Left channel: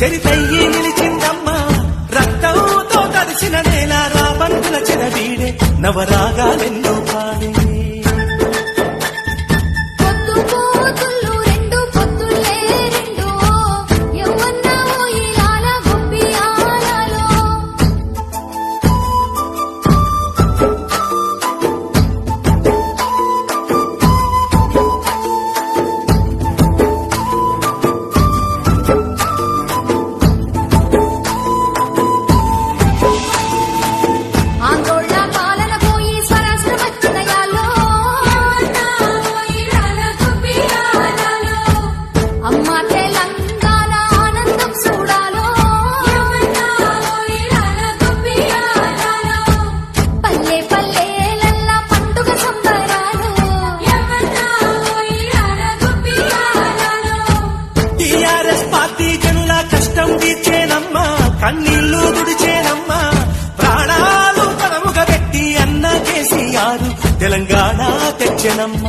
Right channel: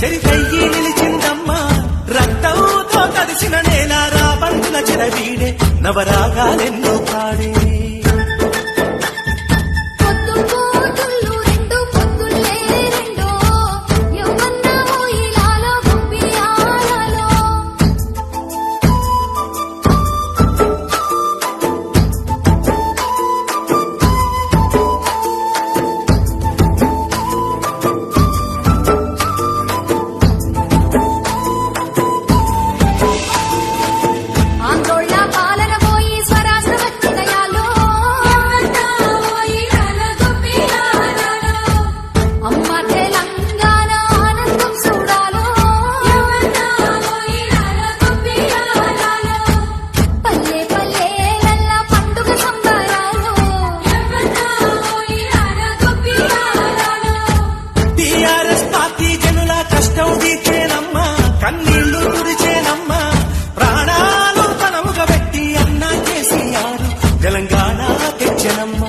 చరిత్రలో నిలిచిందమ్మా రక్తంతో క్షణమ్మ